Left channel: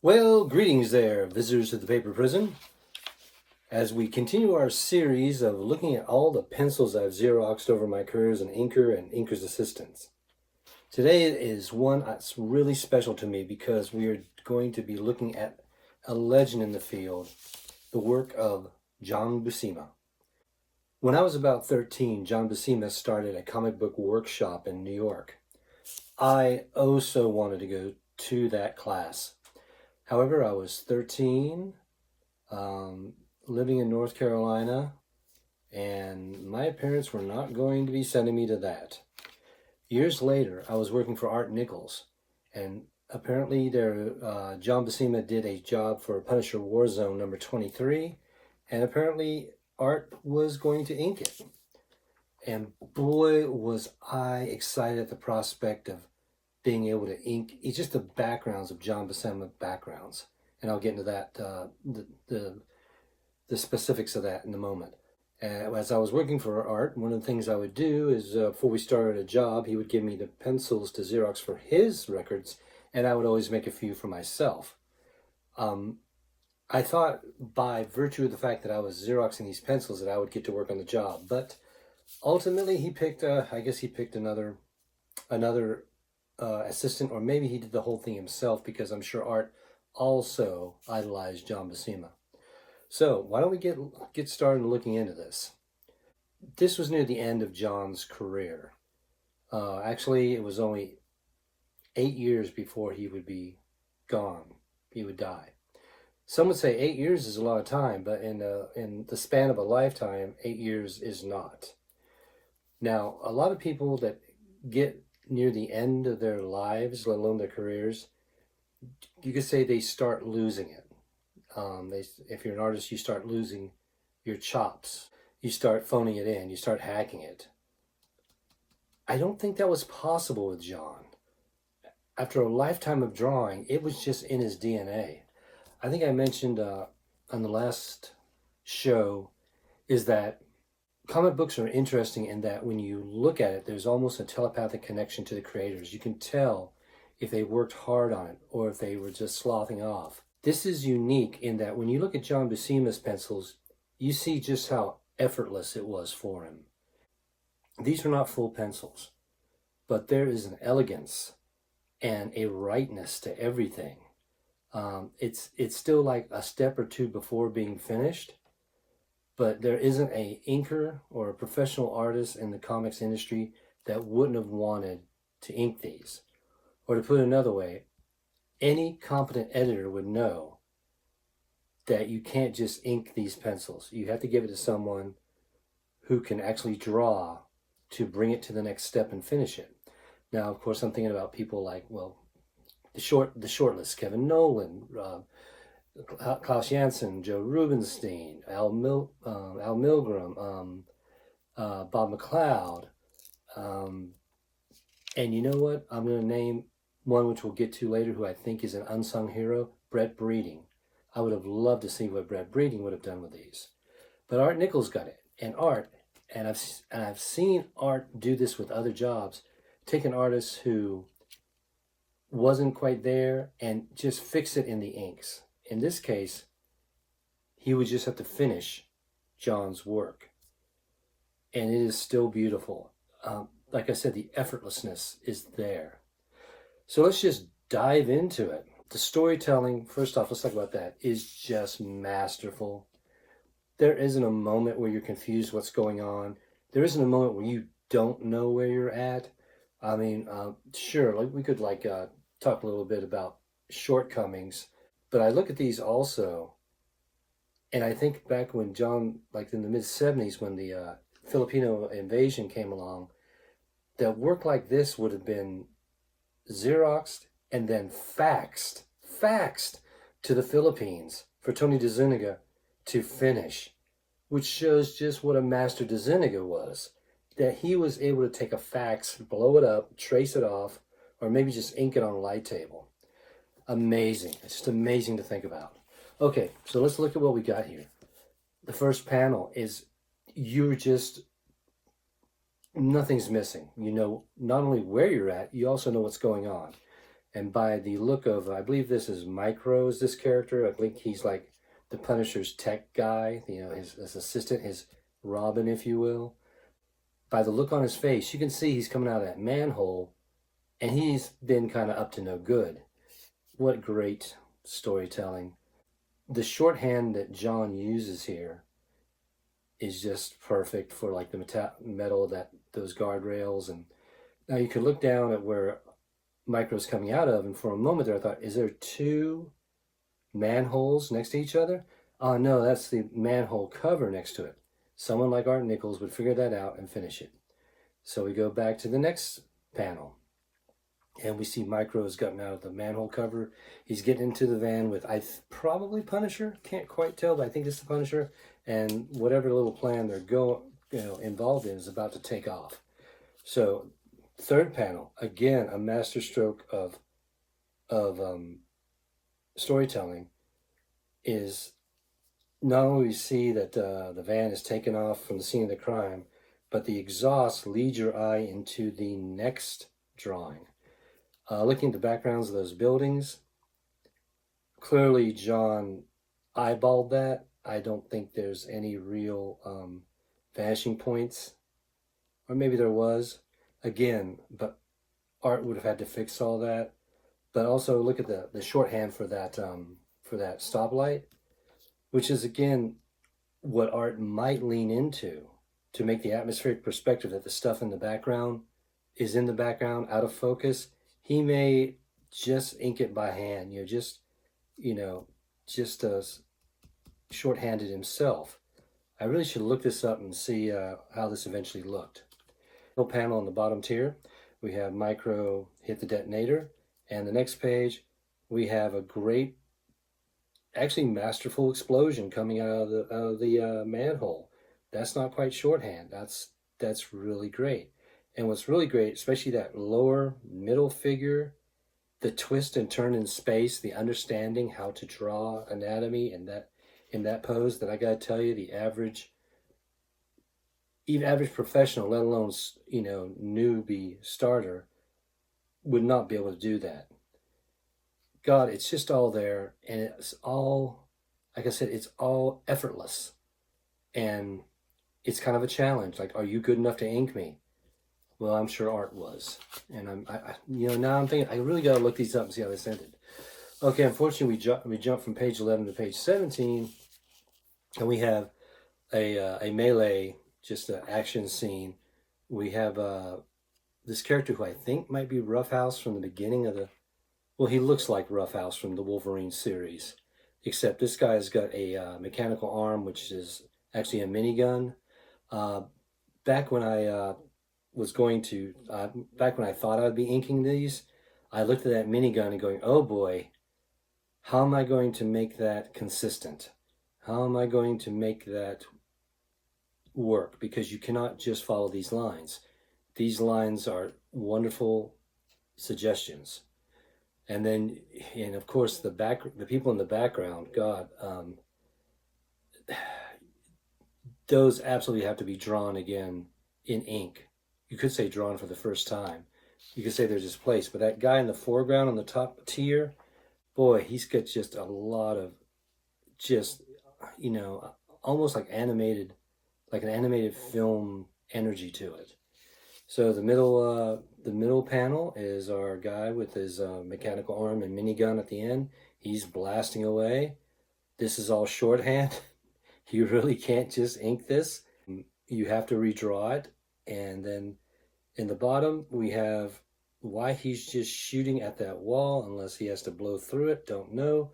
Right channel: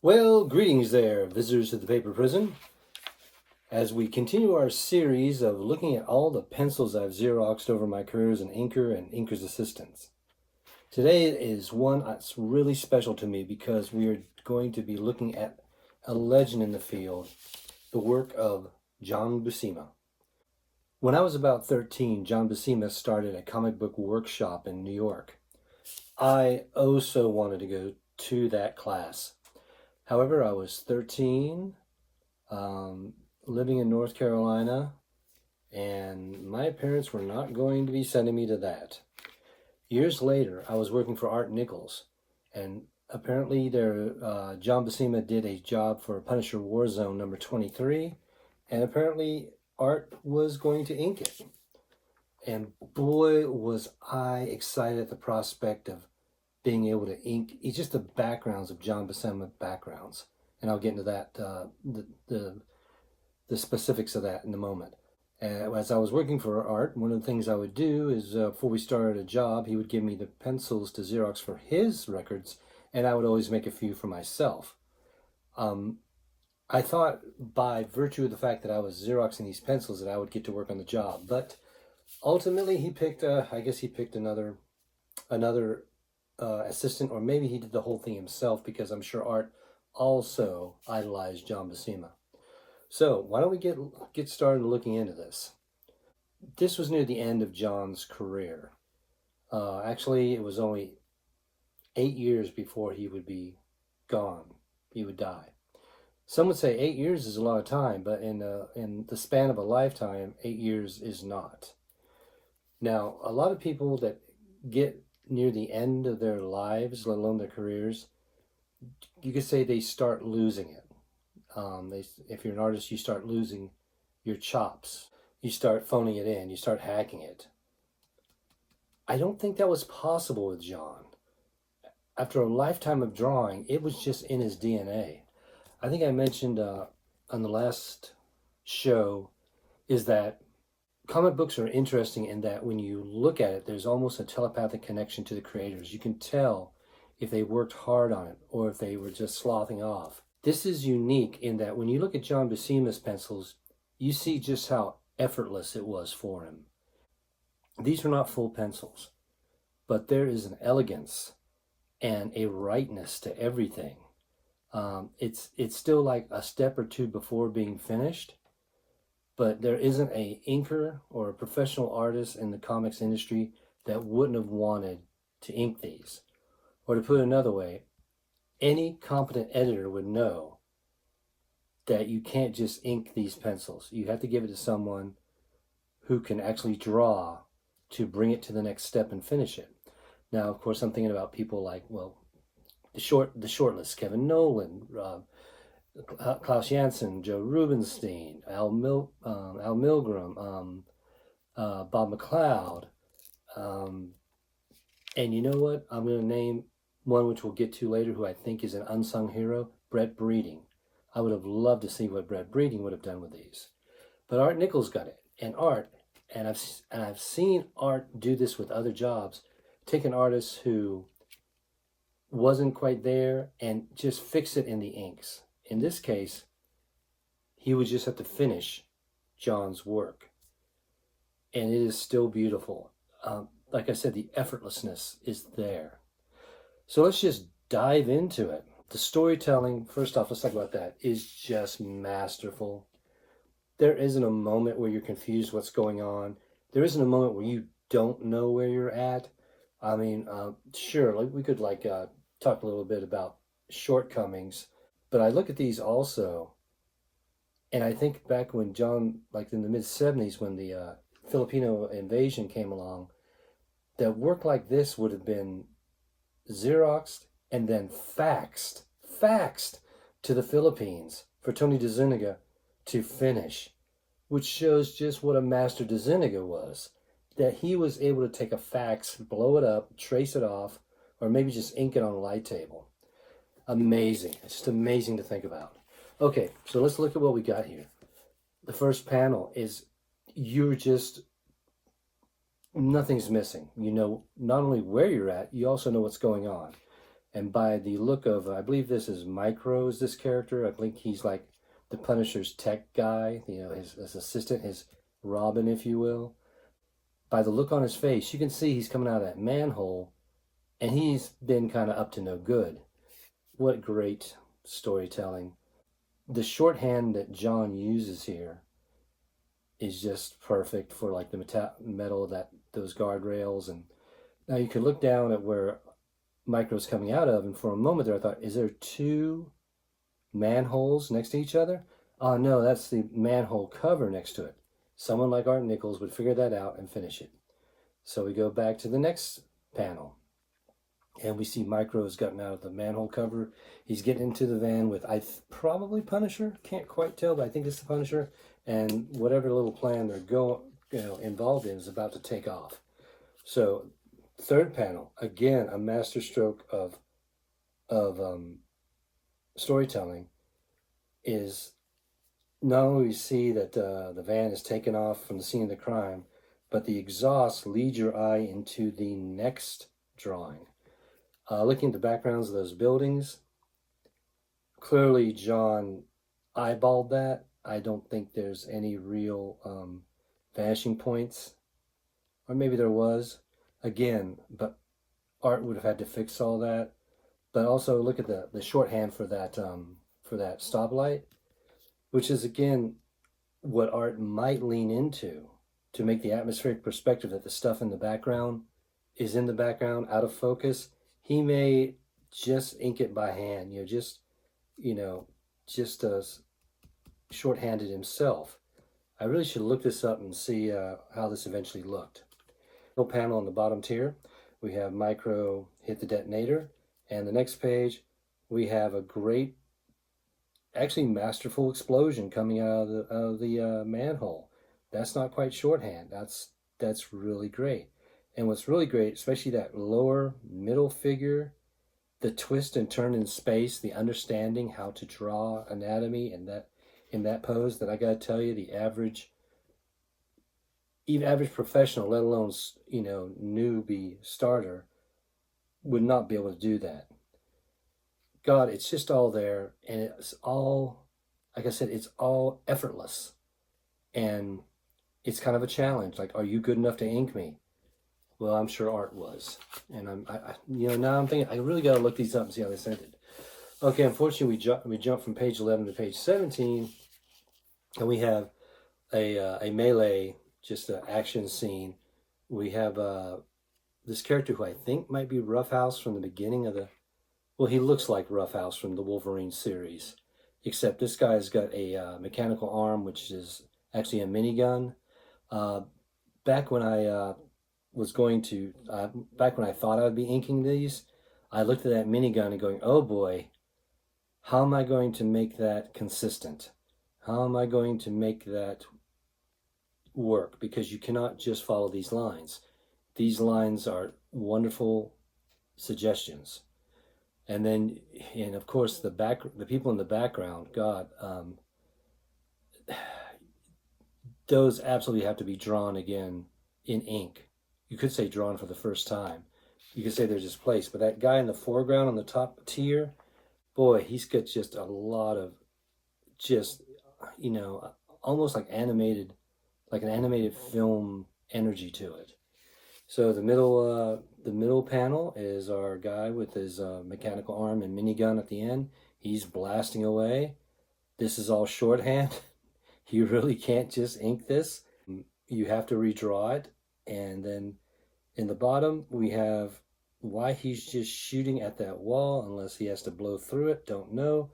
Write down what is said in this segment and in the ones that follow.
Well, greetings there, visitors to the paper prison. As we continue our series of looking at all the pencils I've Xeroxed over my career as an inker and inker's assistant. Today is one that's really special to me because we are going to be looking at a legend in the field, the work of John Buscema. When I was about 13, John Buscema started a comic book workshop in New York. I also wanted to go to that class. However, I was 13, living in North Carolina, and my parents were not going to be sending me to that. Years later, I was working for Art Nichols, and apparently John Buscema did a job for Punisher Warzone number 23, and apparently Art was going to ink it. And boy, was I excited at the prospect of being able to ink just the backgrounds of John Buscema backgrounds. And I'll get into that, the specifics of that in a moment. As I was working for Art, one of the things I would do is before we started a job, he would give me the pencils to Xerox for his records, and I would always make a few for myself. I thought by virtue of the fact that I was Xeroxing these pencils that I would get to work on the job, but ultimately he picked, I guess he picked another assistant, or maybe he did the whole thing himself because I'm sure Art also idolized John Buscema. So why don't we get started looking into this? This was near the end of John's career. Actually, it was only 8 years before he would be gone. He would die. Some would say 8 years is a lot of time, but in the span of a lifetime, 8 years is not. Now, a lot of people that get near the end of their lives, let alone their careers, you could say they start losing it. If you're an artist, you start losing your chops. You start phoning it in. You start hacking it. I don't think that was possible with John. After a lifetime of drawing, it was just in his DNA. I think I mentioned on the last show is that comic books are interesting in that when you look at it, there's almost a telepathic connection to the creators. You can tell if they worked hard on it or if they were just sloughing off. This is unique in that when you look at John Buscema's pencils, you see just how effortless it was for him. These are not full pencils, but there is an elegance and a rightness to everything. It's still like a step or two before being finished, but there isn't a inker or a professional artist in the comics industry that wouldn't have wanted to ink these. Or to put it another way, any competent editor would know that you can't just ink these pencils. You have to give it to someone who can actually draw to bring it to the next step and finish it. Now, of course, I'm thinking about people like, well, the short list, Kevin Nolan, Klaus Janson, Joe Rubinstein, Al Milgram, Bob McLeod, and you know what? I'm going to name one which we'll get to later, who I think is an unsung hero, Brett Breeding. I would have loved to see what Brett Breeding would have done with these, but Art Nichols got it, and I've seen Art do this with other jobs, take an artist who wasn't quite there and just fix it in the inks. In this case, he would just have to finish John's work. And it is still beautiful. Like I said, the effortlessness is there. So let's just dive into it. The storytelling, first off, let's talk about that, is just masterful. There isn't a moment where you're confused what's going on. There isn't a moment where you don't know where you're at. I mean, sure, we could talk a little bit about shortcomings, but I look at these also, and I think back when John, like in the mid-70s, when the Filipino invasion came along, that work like this would have been Xeroxed and then faxed to the Philippines for Tony DeZuniga to finish, which shows just what a master DeZuniga was, that he was able to take a fax, blow it up, trace it off, or maybe just ink it on a light table. Amazing. It's just amazing to think about. Okay, so let's look at what we got here. The first panel is nothing's missing. You know not only where you're at, you also know what's going on. And by the look of, I believe this is Micro, is this character. I think he's like the Punisher's tech guy, you know, his assistant, his Robin, if you will. By the look on his face, you can see he's coming out of that manhole, and he's been kind of up to no good. What great storytelling. The shorthand that John uses here is just perfect for like the metal, that those guardrails. And now you can look down at where Micro's coming out of, and for a moment there I thought, is there two manholes next to each other? Oh no, that's the manhole cover next to it. Someone like Art Nichols would figure that out and finish it. So we go back to the next panel, and we see Micro's gotten out of the manhole cover. He's getting into the van with probably Punisher. Can't quite tell, but I think it's the Punisher. And whatever little plan they're involved in is about to take off. So third panel, again, a masterstroke of storytelling, is not only we see that the van is taken off from the scene of the crime, but the exhaust leads your eye into the next drawing. Looking at the backgrounds of those buildings, clearly John eyeballed that. I don't think there's any real vanishing points, or maybe there was, again, but Art would have had to fix all that. But also look at the shorthand for that stoplight, which is again what Art might lean into to make the atmospheric perspective that the stuff in the background is in the background, out of focus. He may just ink it by hand, just shorthanded himself. I really should look this up and see how this eventually looked. No panel on the bottom tier, we have Micro hit the detonator, and the next page we have a great, actually masterful explosion coming out of the manhole. That's not quite shorthand. That's really great. And what's really great, especially that lower middle figure, the twist and turn in space, the understanding how to draw anatomy in that pose, that I gotta tell you, the average professional, let alone newbie starter, would not be able to do that. God, it's just all there, and it's all, like I said, it's all effortless, and it's kind of a challenge. Like, are you good enough to ink me? Well, I'm sure Art was, and now I'm thinking I really got to look these up and see how they sent it. Okay, unfortunately, we jump from page 11 to page 17, and we have a melee, just an action scene. We have this character who I think might be Roughhouse from the beginning of the. Well, he looks like Roughhouse from the Wolverine series, except this guy's got a mechanical arm, which is actually a minigun. Back when I thought I'd be inking these, I looked at that minigun and going, oh boy, how am I going to make that consistent? How am I going to make that work? Because you cannot just follow these lines. These lines are wonderful suggestions. And of course, the people in the background, God, those absolutely have to be drawn again in ink. You could say drawn for the first time. You could say they're displaced. But that guy in the foreground on the top tier, boy, he's got just a lot of almost like an animated film energy to it. So the middle panel is our guy with his mechanical arm and minigun at the end. He's blasting away. This is all shorthand. You really can't just ink this. You have to redraw it. And then in the bottom, we have why he's just shooting at that wall, unless he has to blow through it, don't know.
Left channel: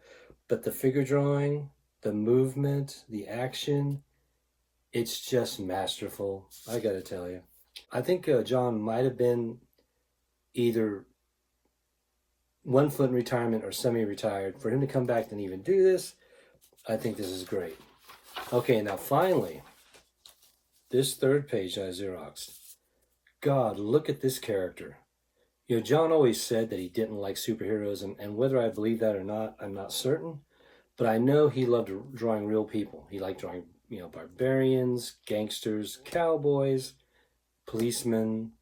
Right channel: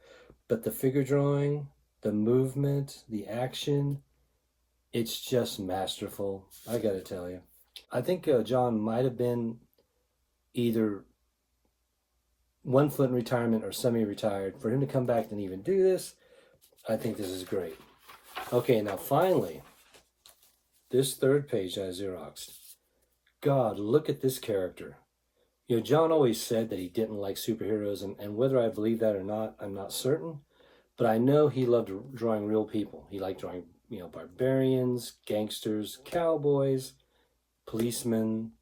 But the figure drawing, the movement, the action, it's just masterful, I gotta tell you. I think John might have been either 1 foot in retirement or semi-retired. For him to come back and even do this, I think this is great. Okay, now finally, this third page I Xeroxed. God, look at this character. John always said that he didn't like superheroes, and whether I believe that or not, I'm not certain. But I know he loved drawing real people. He liked drawing, barbarians, gangsters, cowboys, policemen,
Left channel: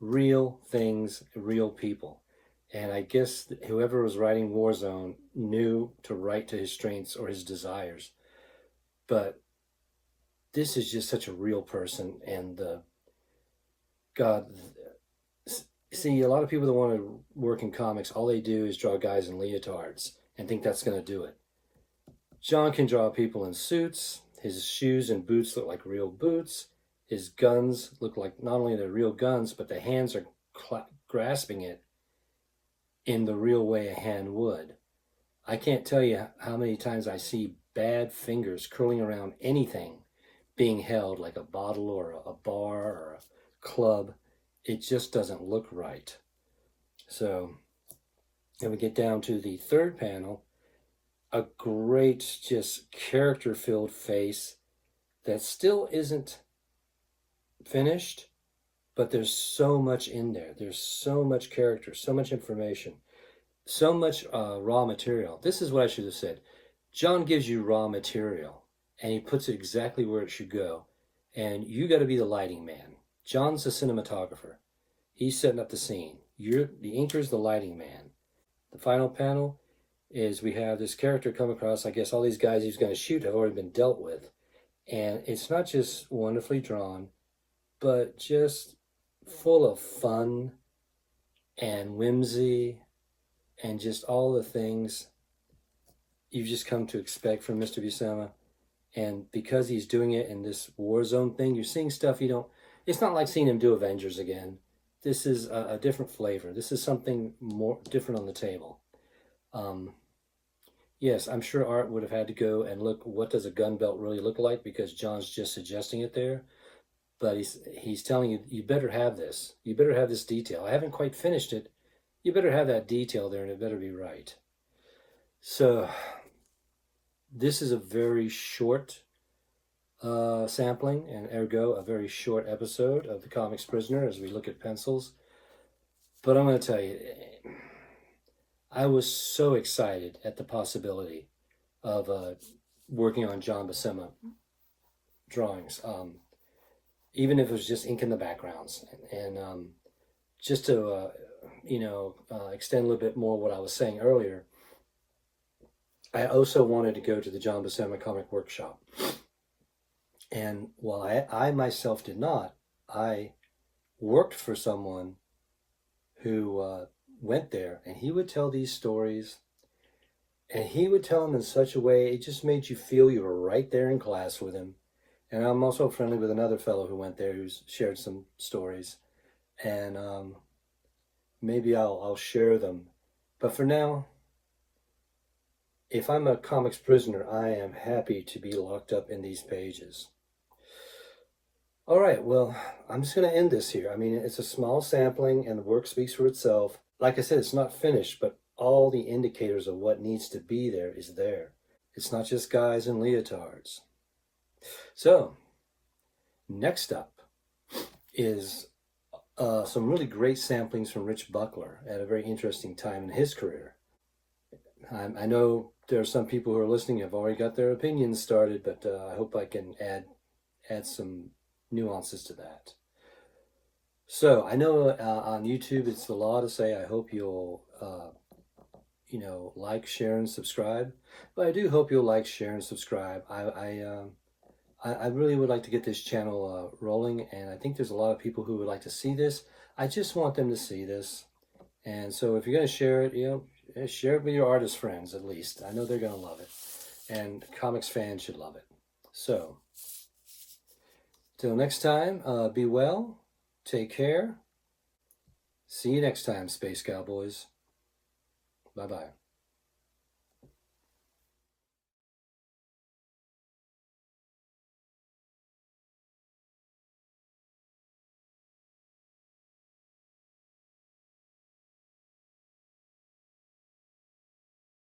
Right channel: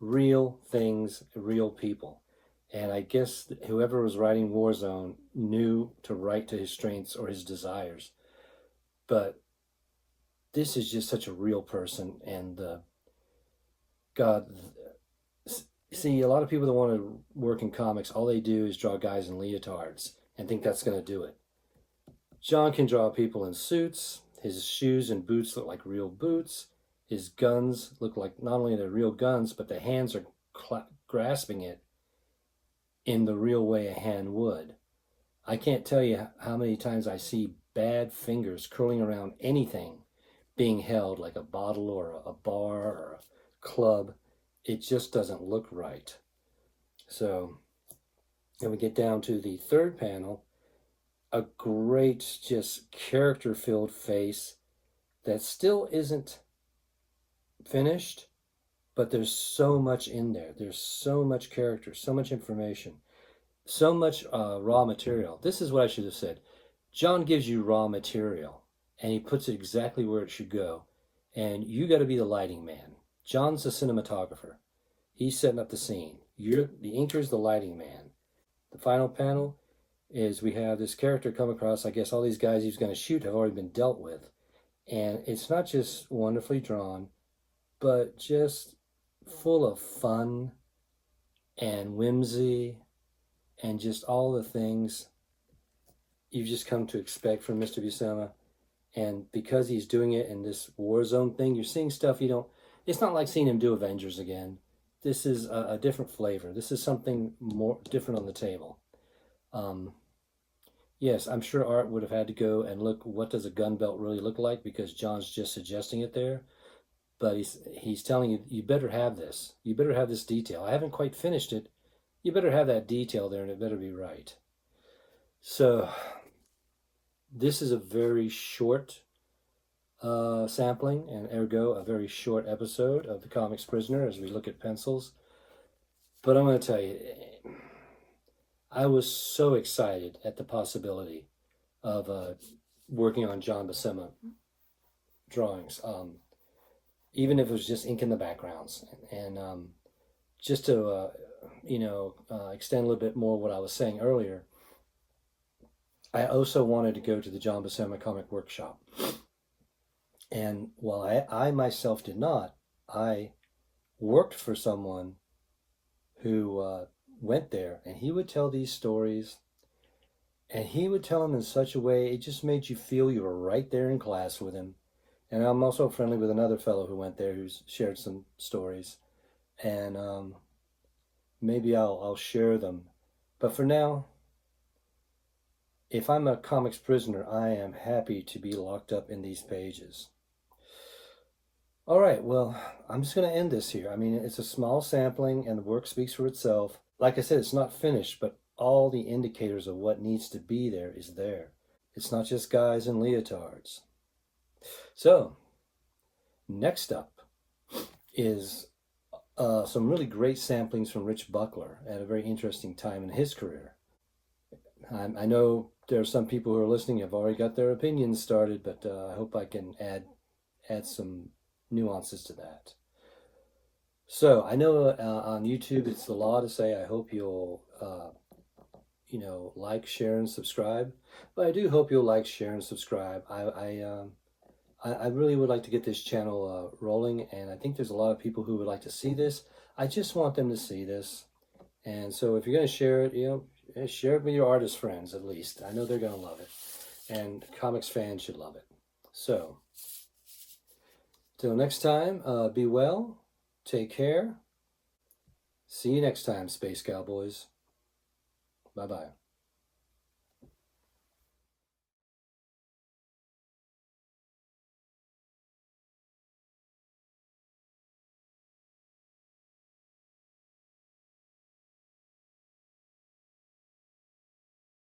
real things, real people. And I guess whoever was writing Warzone knew to write to his strengths or his desires. But this is just such a real person. And God, see, a lot of people that want to work in comics, all they do is draw guys in leotards and think that's going to do it. John can draw people in suits. His shoes and boots look like real boots. His guns look like not only they're real guns, but the hands are grasping it in the real way a hand would. I can't tell you how many times I see bad fingers curling around anything being held, like a bottle or a bar or a club. It just doesn't look right. So then we get down to the third panel, a great, just character-filled face that still isn't finished, but there's so much in there. There's so much character, so much information, so much raw material. This is what I should have said. John gives you raw material, and he puts it exactly where it should go, and you got to be the lighting man. John's the cinematographer. He's setting up the scene. You're the inker's the lighting man. The final panel is we have this character come across. I guess all these guys he's going to shoot have already been dealt with, and it's not just wonderfully drawn, but just full of fun and whimsy and just all the things you've just come to expect from Mr. Buscema. And because he's doing it in this Warzone thing, you're seeing stuff you don't... It's not like seeing him do Avengers again. This is a different flavor. This is something more different on the table. Yes, I'm sure Art would have had to go and look, what does a gun belt really look like? Because John's just suggesting it there. But he's telling you, you better have this. You better have this detail. I haven't quite finished it. You better have that detail there, and it better be right. So this is a very short sampling, and ergo a very short episode of The Comics Prisoner as we look at pencils. But I'm going to tell you, I was so excited at the possibility of working on John Buscema drawings, even if it was just ink in the backgrounds, and just to extend a little bit more what I was saying earlier. I also wanted to go to the John Buscema Comic Workshop. And while I myself did not, I worked for someone who went there, and he would tell these stories, and he would tell them in such a way, it just made you feel you were right there in class with him. And I'm also friendly with another fellow who went there who's shared some stories. And maybe I'll share them. But for now, if I'm a comics prisoner, I am happy to be locked up in these pages. All right, well, I'm just going to end this here. I mean, it's a small sampling, and the work speaks for itself. Like I said, it's not finished, but all the indicators of what needs to be there is there. It's not just guys in leotards. So, next up is some really great samplings from Rich Buckler at a very interesting time in his career. I know there are some people who are listening who have already got their opinions started, but I hope I can add some nuances to that. So I know on YouTube it's the law to say I hope you'll like, share, and subscribe. But I do hope you'll like, share, and subscribe. I really would like to get this channel rolling, and I think there's a lot of people who would like to see this. I just want them to see this. And so if you're going to share it, share it with your artist friends at least. I know they're going to love it. And comics fans should love it. So, till next time, be well, take care. See you next time, Space Cowboys. Bye-bye.